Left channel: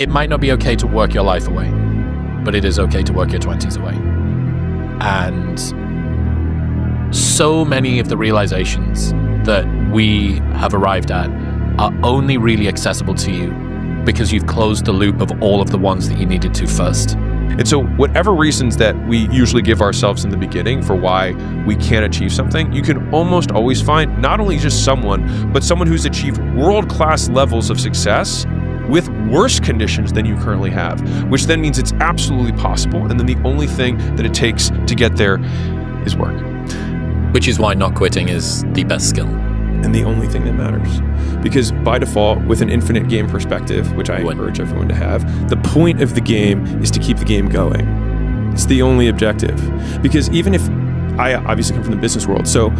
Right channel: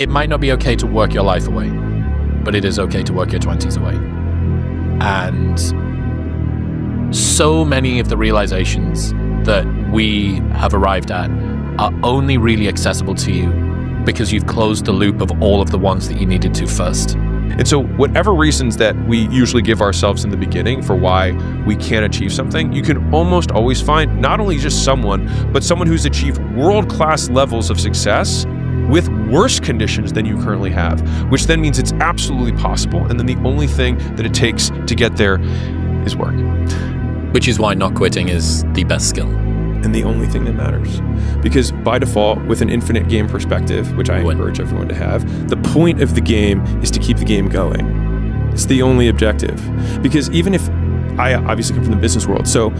It might not be okay to work your life away, but it is okay to work your 20s away. And so many of the realizations that we have arrived at are only really accessible to you because you've closed the loop of all of the ones that you needed to first. And so whatever reasons that we usually give ourselves in the beginning for why we can't achieve something, you can almost always find not only just someone, but someone who's achieved world-class levels of success with worse conditions than you currently have, which then means it's absolutely possible. And then the only thing that it takes to get there is work. Which is why not quitting is the best skill. And the only thing that matters. Because by default, with an infinite game perspective, which I encourage everyone to have, the point of the game is to keep the game going. It's the only objective. Because even if, I obviously come from the business world, so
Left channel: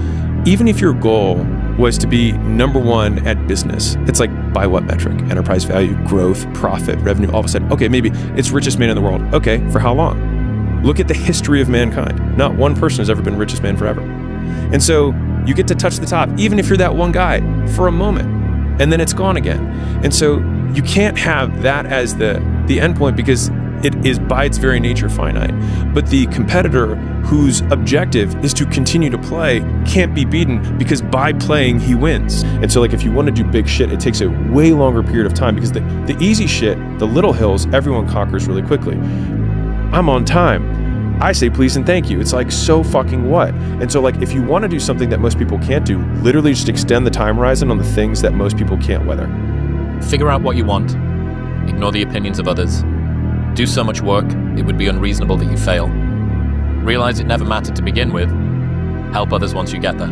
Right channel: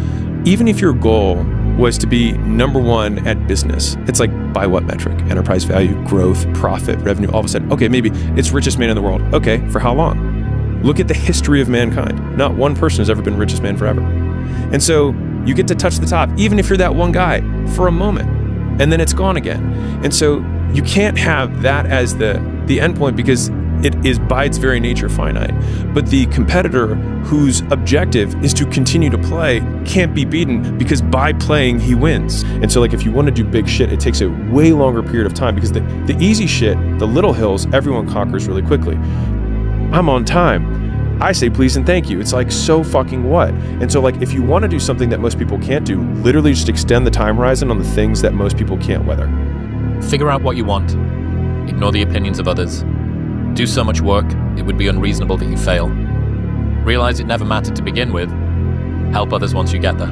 even if your goal was to be number one at business, it's like, by what metric? Enterprise value, growth, profit, revenue, all of a sudden, okay, maybe it's richest man in the world. Okay, for how long? Look at the history of mankind. Not one person has ever been richest man forever. And so you get to touch the top, even if you're that one guy, for a moment, and then it's gone again. And so you can't have that as the end point because it is by its very nature finite. But the competitor whose objective is to continue to play can't be beaten because by playing, he wins. And so like if you want to do big shit, it takes a way longer period of time because the easy shit, the little hills, everyone conquers really quickly. I'm on time. I say please and thank you. It's like, so fucking what? And so like, if you want to do something that most people can't do, literally just extend the time horizon on the things that most people can't weather. Figure out what you want. Ignore the opinions of others. Do so much work, it would be unreasonable that you fail. Realize it never mattered to begin with. Help others once you get there.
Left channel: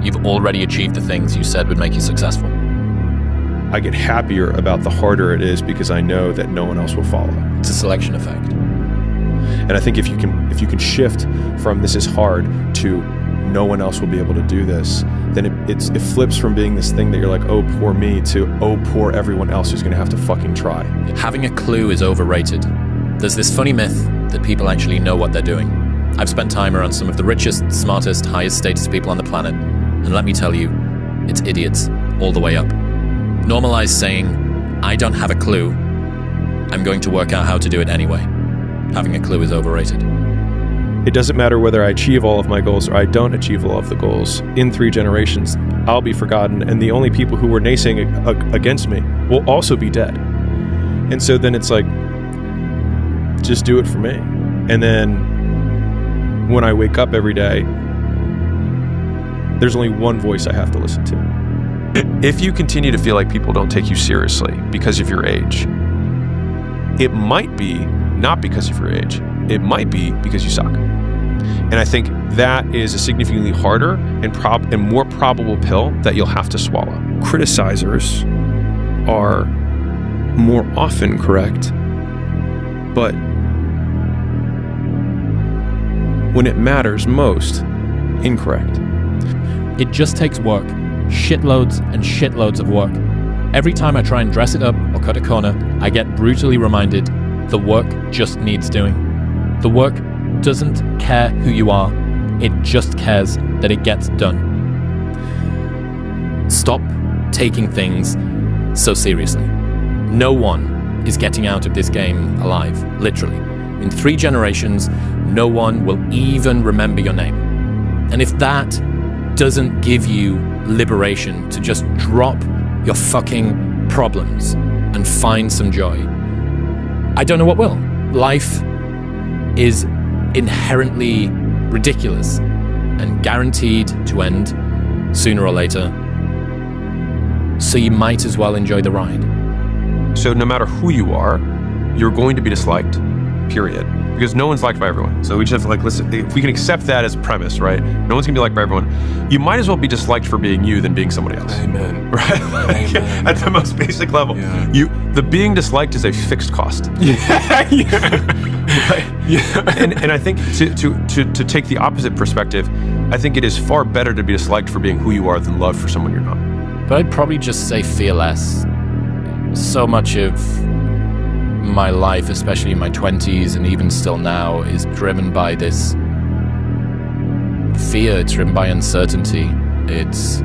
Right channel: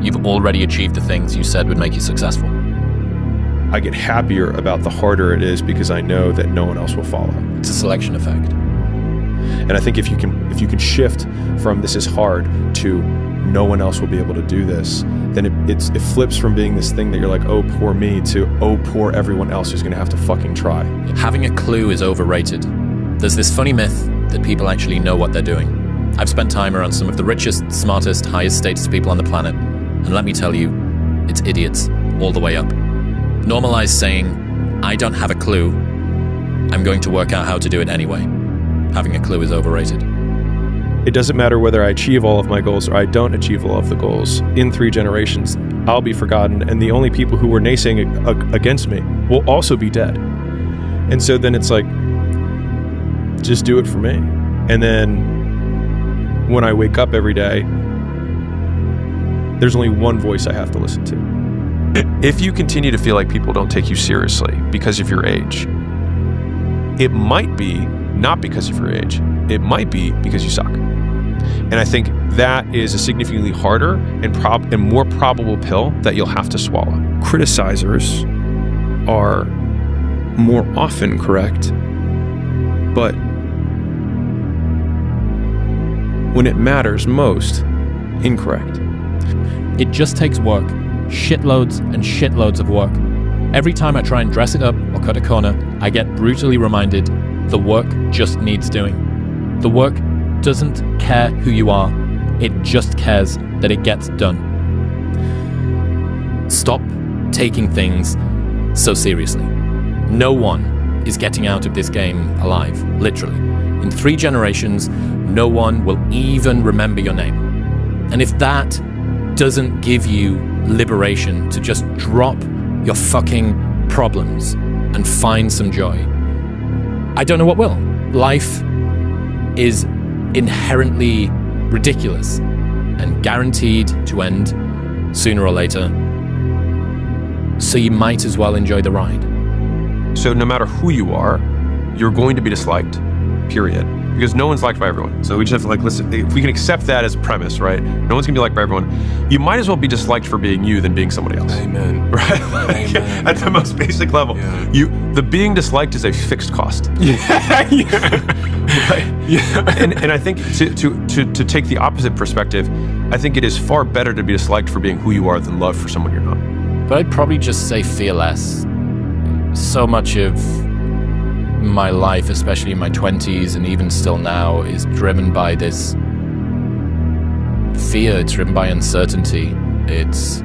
You've already achieved the things you said would make you successful. I get happier about the harder it is because I know that no one else will follow. It's a selection effect. And I think if you can shift from this is hard to no one else will be able to do this, then it flips from being this thing that you're like, oh, poor me, to oh, poor everyone else who's going to have to fucking try. Having a clue is overrated. There's this funny myth that people actually know what they're doing. I've spent time around some of the richest, smartest, highest status people on the planet, and let me tell you, it's idiots all the way up. Normalize saying, I don't have a clue, I'm going to work out how to do it anyway. Having a clue is overrated. It doesn't matter whether I achieve all of my goals or I don't achieve all of the goals. In 3 generations, I'll be forgotten, and the only people who were naysaying against me will also be dead. And so then it's like, just do it for me. And then when I wake up every day, there's only one voice I have to listen to. If you continue to feel like people don't take you seriously because of your age, it might be not because of your age. It might be because you suck. And I think that is a significantly harder and more probable pill that you'll have to swallow. Criticizers are more often correct, but when it matters most, incorrect. It just takes work. Shitloads and shitloads of work. Every time I try and dress it up or cut a corner, I get brutally reminded the work just needs doing. The work doesn't care who you are, it just cares that it gets done. Stop taking things so seriously. No one is getting out of this game alive, literally. In 3 generations, no one will even remember your name. And if that doesn't give you liberation to just drop your fucking problems and find some joy, I don't know what will. Life is inherently ridiculous and guaranteed to end sooner or later. So you might as well enjoy the ride. So no matter who you are, you're going to be disliked, period. Because no one's liked by everyone. So we just have to listen, if we can accept that as a premise, right? No one's gonna be liked by everyone. You might as well be disliked for being you than being somebody else. Amen. Right? Amen. At the most basic level. Yeah. The being disliked is a fixed cost. Yeah. Right? Yeah. And I think to take the opposite perspective, I think it is far better to be disliked for being who you are than loved for someone you're not. But I'd probably just say fear less. So much of my life, especially in my 20s and even still now, is driven by this fear. It's driven by uncertainty. It's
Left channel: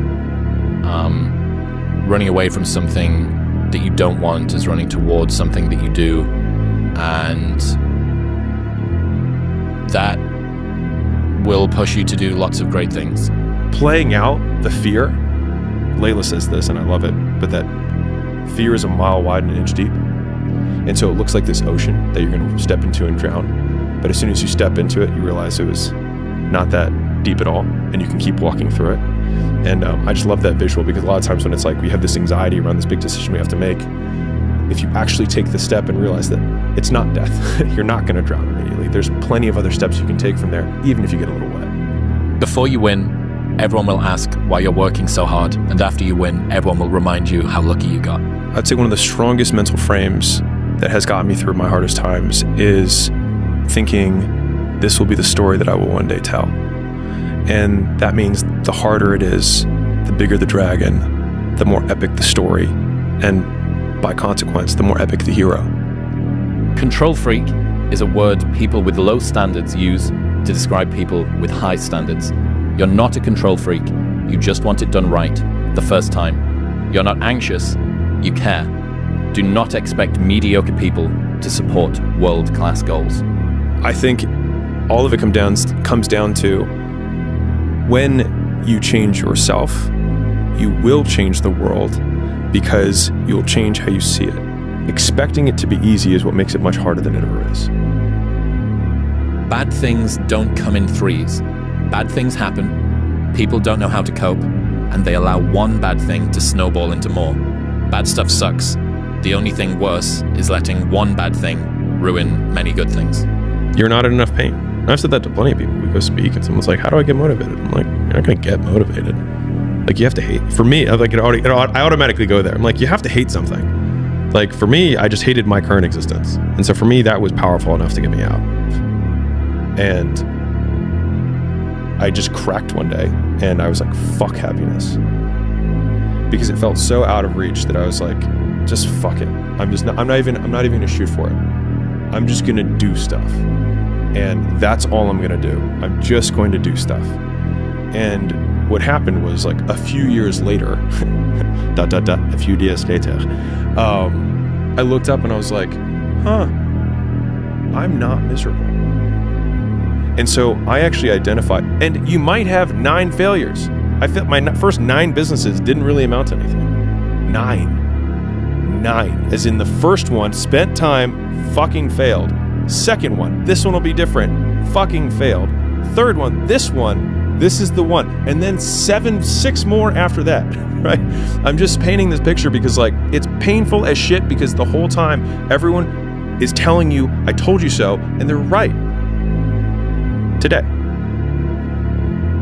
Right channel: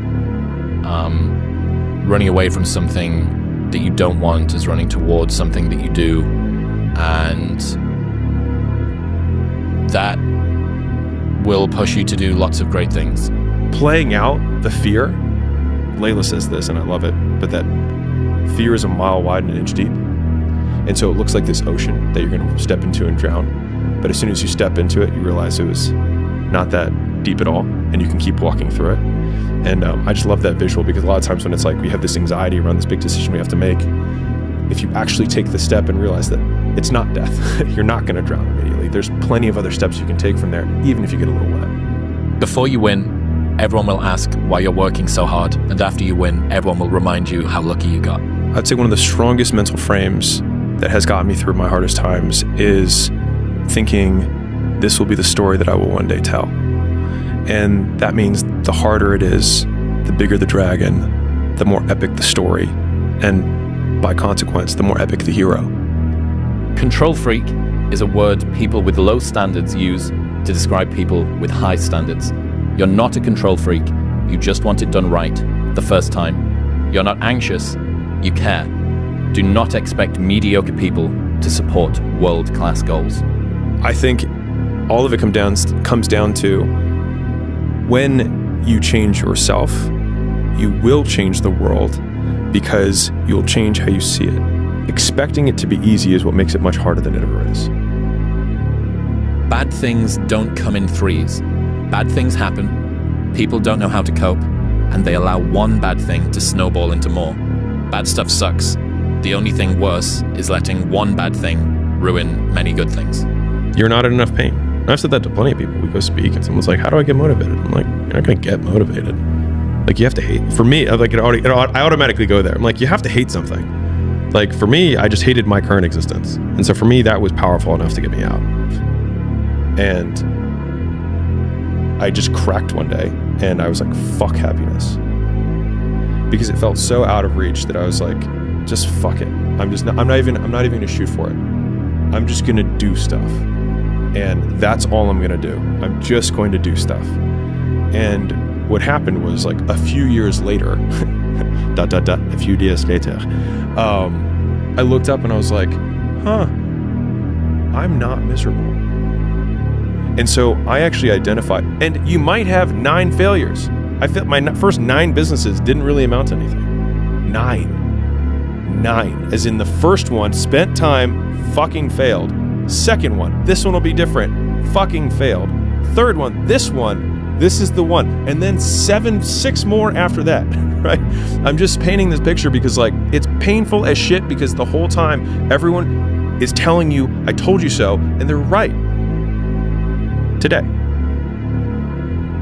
running away from something that you don't want as running towards something that you do, and that will push you to do lots of great things. Playing out the fear, Layla says this, and I love it, but that fear is a mile wide and an inch deep. And so it looks like this ocean that you're going to step into and drown. But as soon as you step into it, you realize it was not that deep at all, and you can keep walking through it. And I just love that visual, because a lot of times when it's like we have this anxiety around this big decision we have to make, if you actually take the step and realize that it's not death, you're not going to drown immediately. There's plenty of other steps you can take from there, even if you get a little wet. Before you win, everyone will ask why you're working so hard. And after you win, everyone will remind you how lucky you got. I'd say one of the strongest mental frames that has gotten me through my hardest times is thinking this will be the story that I will one day tell. And that means the harder it is, the bigger the dragon, the more epic the story, and by consequence, the more epic the hero. Control freak is a word people with low standards use to describe people with high standards. You're not a control freak. You just want it done right the first time. You're not anxious. You care. Do not expect mediocre people to support world-class goals. I think all of it comes down to when you change yourself, you will change the world because you'll change how you see it. Expecting it to be easy is what makes it much harder than it ever is. Bad things don't come in threes. Bad things happen, people don't know how to cope, and they allow one bad thing to snowball into more. Bad stuff sucks. The only thing worse is letting one bad thing ruin many good things. You're not in enough pain. I've said that to plenty of people. We go speak and someone's like, how do I get motivated? I'm like, you're not going to get motivated. Like, you have to hate. For me, I automatically go there. I'm like, you have to hate something. Like, for me, I just hated my current existence. And so for me, that was powerful enough to get me out. And I just cracked one day and I was like, fuck happiness. Because it felt so out of reach that I was like, just fuck it. I'm not even gonna shoot for it. I'm just gonna do stuff. And that's all I'm gonna do. I'm just going to do stuff. And what happened was, like, a few years later, a few days later, I looked up and I was like, I'm not miserable. And so I actually identified, and you might have 9 failures. I felt my first 9 businesses didn't really amount to anything. 9. As in the first one, spent time, fucking failed. Second one, this one will be different, fucking failed. Third one, this is the one. And then 6 more after that, right? I'm just painting this picture because, like, it's painful as shit, because the whole time everyone is telling you, I told you so, and they're right. Today.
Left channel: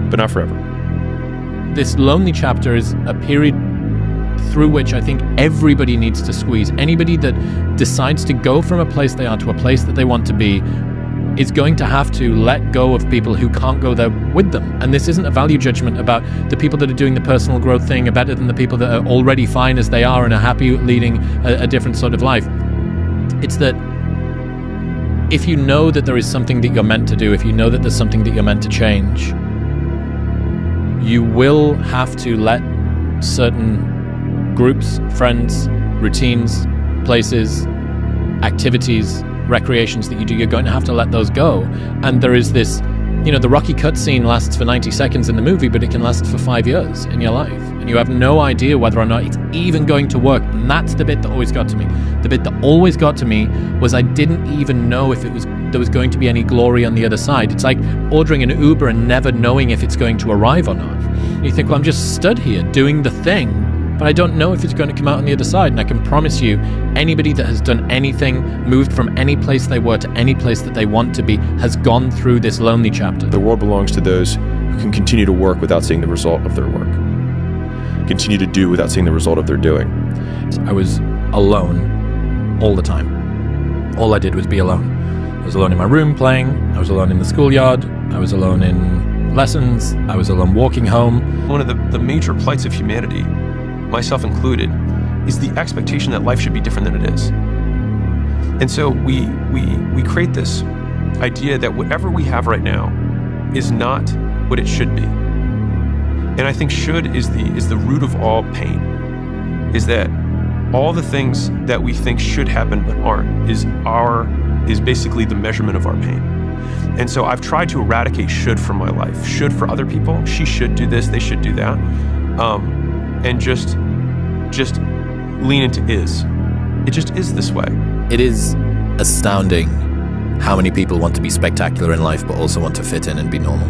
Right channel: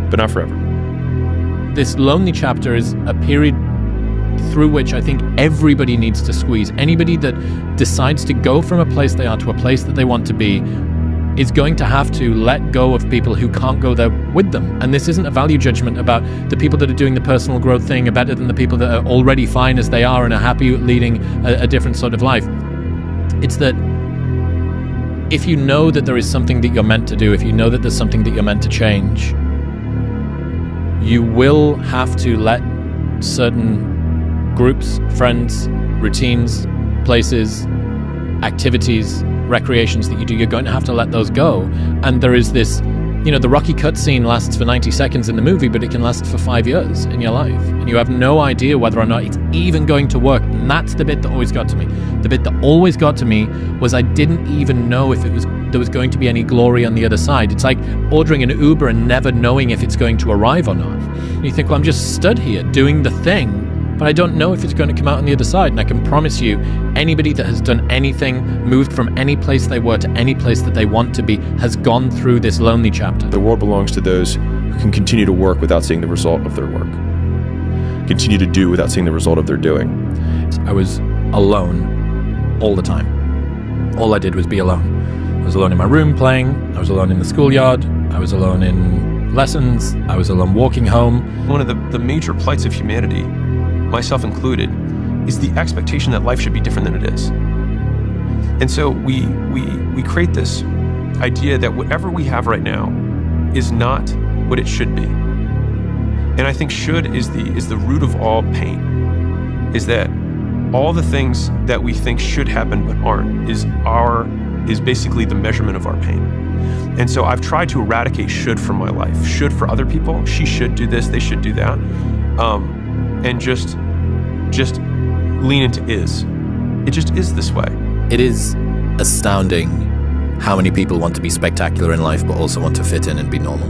But not forever. This lonely chapter is a period through which I think everybody needs to squeeze. Anybody that decides to go from a place they are to a place that they want to be is going to have to let go of people who can't go there with them. And this isn't a value judgment about the people that are doing the personal growth thing are better than the people that are already fine as they are and are happy leading a different sort of life. It's that if you know that there is something that you're meant to do, if you know that there's something that you're meant to change, you will have to let certain groups, friends, routines, places, activities, recreations that you do, you're going to have to let those go. And there is this, the Rocky cutscene lasts for 90 seconds in the movie, but it can last for 5 years in your life. And you have no idea whether or not it's even going to work. And that's the bit that always got to me. The bit that always got to me was I didn't even know if there was going to be any glory on the other side. It's like ordering an Uber and never knowing if it's going to arrive or not. And you think, well, I'm just stood here doing the thing, but I don't know if it's going to come out on the other side. And I can promise you, anybody that has done anything, moved from any place they were to any place that they want to be, has gone through this lonely chapter. The world belongs to those who can continue to work without seeing the result of their work. Continue to do without seeing the result of their doing. I was alone all the time. All I did was be alone. I was alone in my room playing. I was alone in the schoolyard. I was alone in lessons. I was alone walking home. One of the major plights of humanity, myself included, is the expectation that life should be different than it is. And so we create this idea that whatever we have right now is not what it should be. And I think should is the root of all pain, is that all the things that we think should happen but aren't is basically the measurement of our pain. And so I've tried to eradicate should from my life. Should for other people, she should do this, they should do that. And just lean into is. It just is this way. It is astounding how many people want to be spectacular in life but also want to fit in and be normal.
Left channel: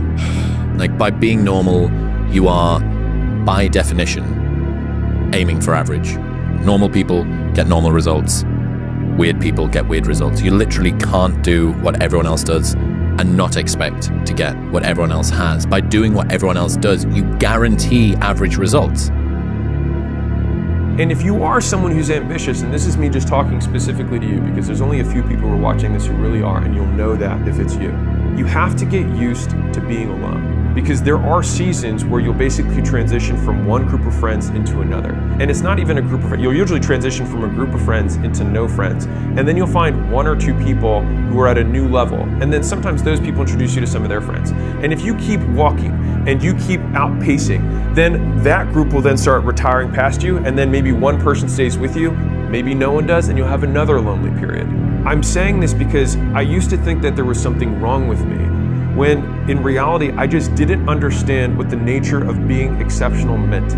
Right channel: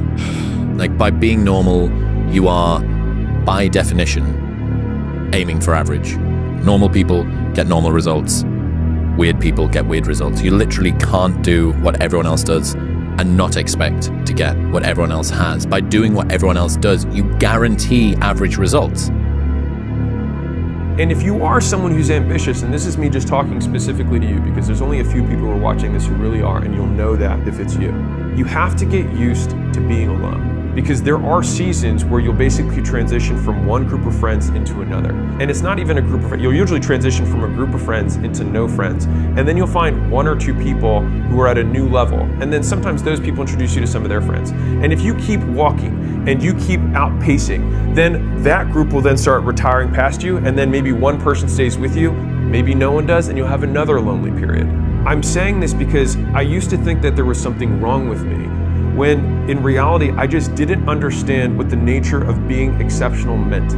Like, by being normal, you are, by definition, aiming for average. Normal people get normal results. Weird people get weird results. You literally can't do what everyone else does and not expect to get what everyone else has. By doing what everyone else does, you guarantee average results. And if you are someone who's ambitious, and this is me just talking specifically to you because there's only a few people who are watching this who really are, and you'll know that if it's you. You have to get used to being alone. Because there are seasons where you'll basically transition from one group of friends into another. And it's not even a group of friends. You'll usually transition from a group of friends into no friends. And then you'll find one or two people who are at a new level. And then sometimes those people introduce you to some of their friends. And if you keep walking and you keep outpacing, then that group will then start retiring past you. And then maybe one person stays with you, maybe no one does, and you'll have another lonely period. I'm saying this because I used to think that there was something wrong with me, when in reality, I just didn't understand what the nature of being exceptional meant.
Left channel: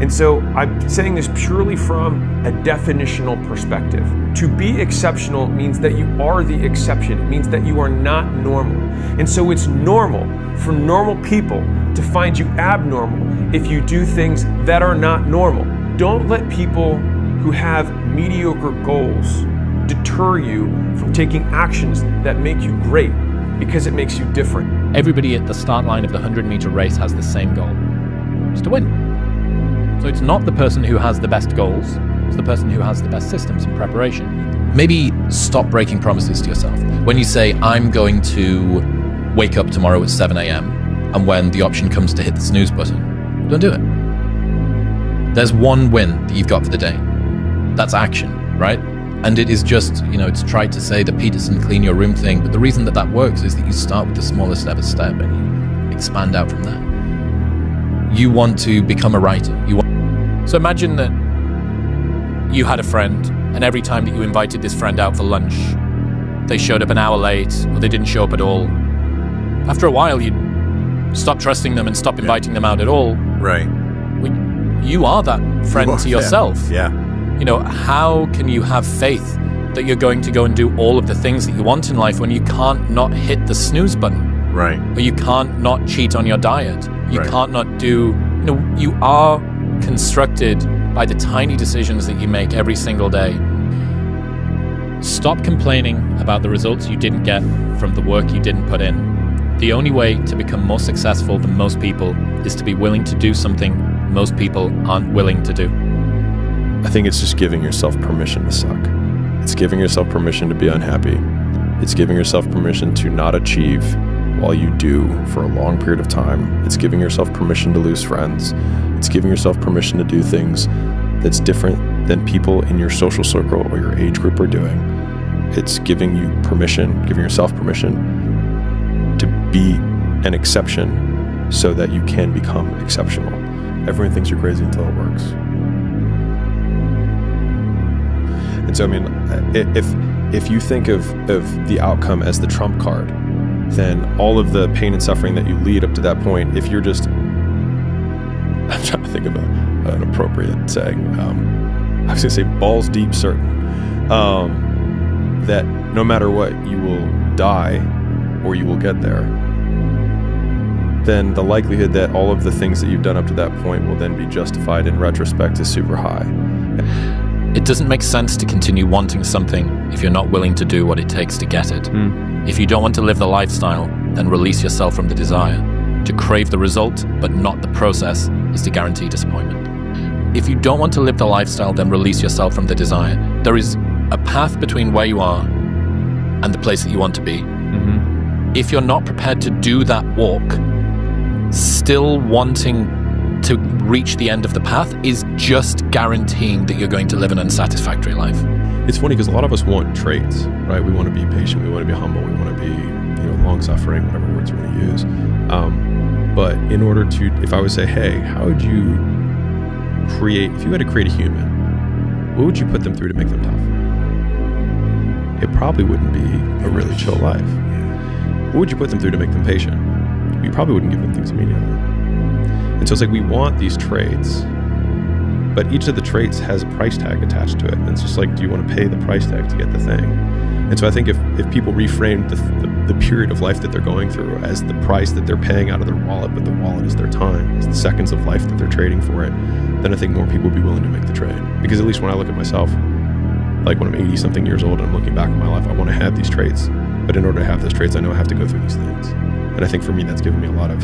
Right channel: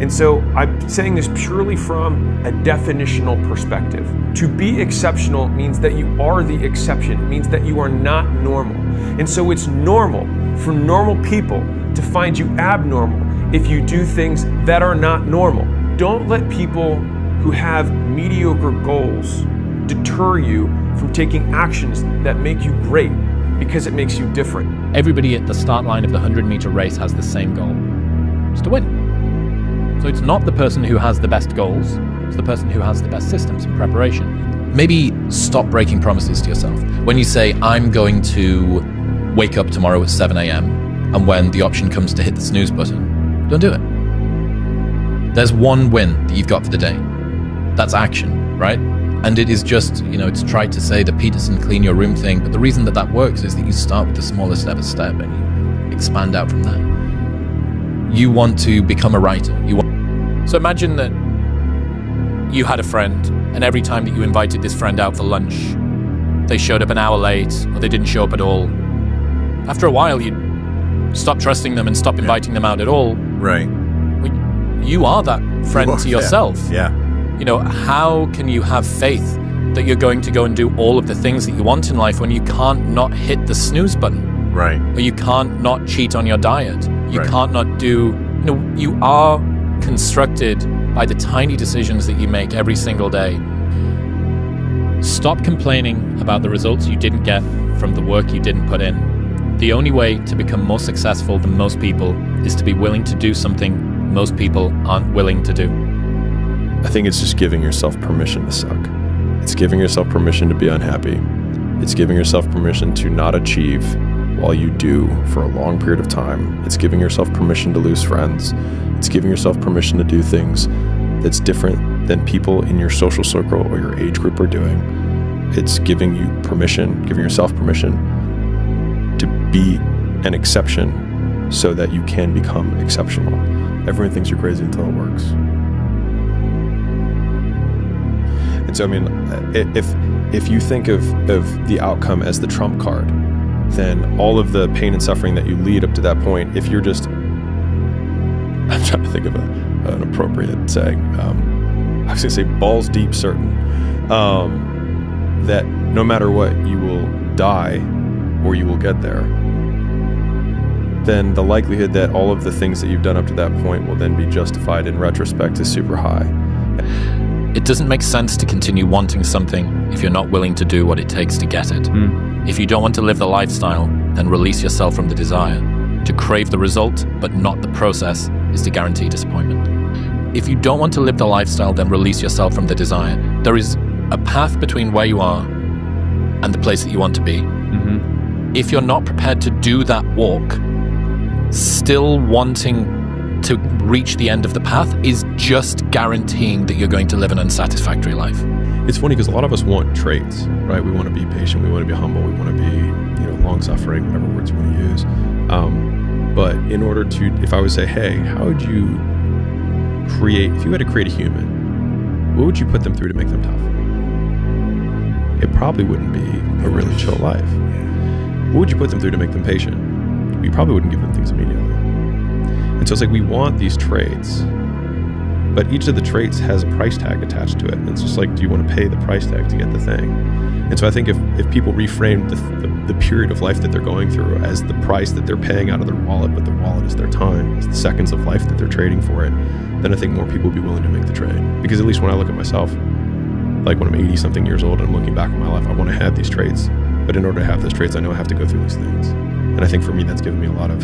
And so I'm saying this purely from a definitional perspective. To be exceptional means that you are the exception. It means that you are not normal. And so it's normal for normal people to find you abnormal if you do things that are not normal. Don't let people who have mediocre goals deter you from taking actions that make you great, because it makes you different. Everybody at the start line of the 100-meter race has the same goal. It's to win. So it's not the person who has the best goals, it's the person who has the best systems and preparation. Maybe stop breaking promises to yourself. When you say, I'm going to wake up tomorrow at 7 a.m., and when the option comes to hit the snooze button, don't do it. There's one win that you've got for the day. That's action, right? And it is just, it's tried to say the Peterson clean your room thing, but the reason that works is that you start with the smallest ever step and you expand out from that. You want to become a writer. So imagine that you had a friend, and every time that you invited this friend out for lunch, they showed up an hour late, or they didn't show up at all. After a while, you'd stop trusting them and stop inviting them out at all. Right. You are that friend to yourself. Yeah. How can you have faith that you're going to go and do all of the things that you want in life when you can't not hit the snooze button? Right. Or you can't not cheat on your diet. You Right. can't not do, you are constructed by the tiny decisions that you make every single day. Stop complaining about the results you didn't get from the work you didn't put in. The only way to become more successful than most people is to be willing to do something most people aren't willing to do. I think it's just giving yourself permission to suck. It's giving yourself permission to be unhappy. It's giving yourself permission to not achieve while you do for a long period of time. It's giving yourself permission to lose friends. It's giving yourself permission to do things that's different than people in your social circle or your age group are doing. It's giving yourself permission to be an exception so that you can become exceptional. Everyone thinks you're crazy until it works. And so, if you think of the outcome as the trump card, then all of the pain and suffering that you lead up to that point, if you're just, I'm trying to think of an appropriate saying, I was going to say balls deep certain, that no matter what, you will die or you will get there, then the likelihood that all of the things that you've done up to that point will then be justified in retrospect is super high. It doesn't make sense to continue wanting something if you're not willing to do what it takes to get it. If you don't want to live the lifestyle, then release yourself from the desire. To crave the result, but not the process, is to guarantee disappointment. If you don't want to live the lifestyle, then release yourself from the desire. There is a path between where you are and the place that you want to be. If you're not prepared to do that walk, still wanting to reach the end of the path is just guaranteeing that you're going to live an unsatisfactory life. It's funny because a lot of us want traits, right? We want to be patient, we want to be humble, we want to be, long-suffering, whatever words you want to use. But in order to, if I would say, hey, how would you if you had to create a human, what would you put them through to make them tough? It probably wouldn't be a really chill life. What would you put them through to make them patient? You probably wouldn't give them things immediately. And so it's like, we want these traits, but each of the traits has a price tag attached to it. And it's just like, do you want to pay the price tag to get the thing? And so I think if people reframe the period of life that they're going through as the price that they're paying out of their wallet, but the wallet is their time, it's the seconds of life that they're trading for it, then I think more people will be willing to make the trade. Because at least when I look at myself, like when I'm 80 something years old and I'm looking back on my life, I want to have these traits. But in order to have those traits, I know I have to go through these things. And I think for me, that's given me a lot of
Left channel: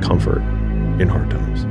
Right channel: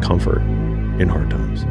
comfort in hard times.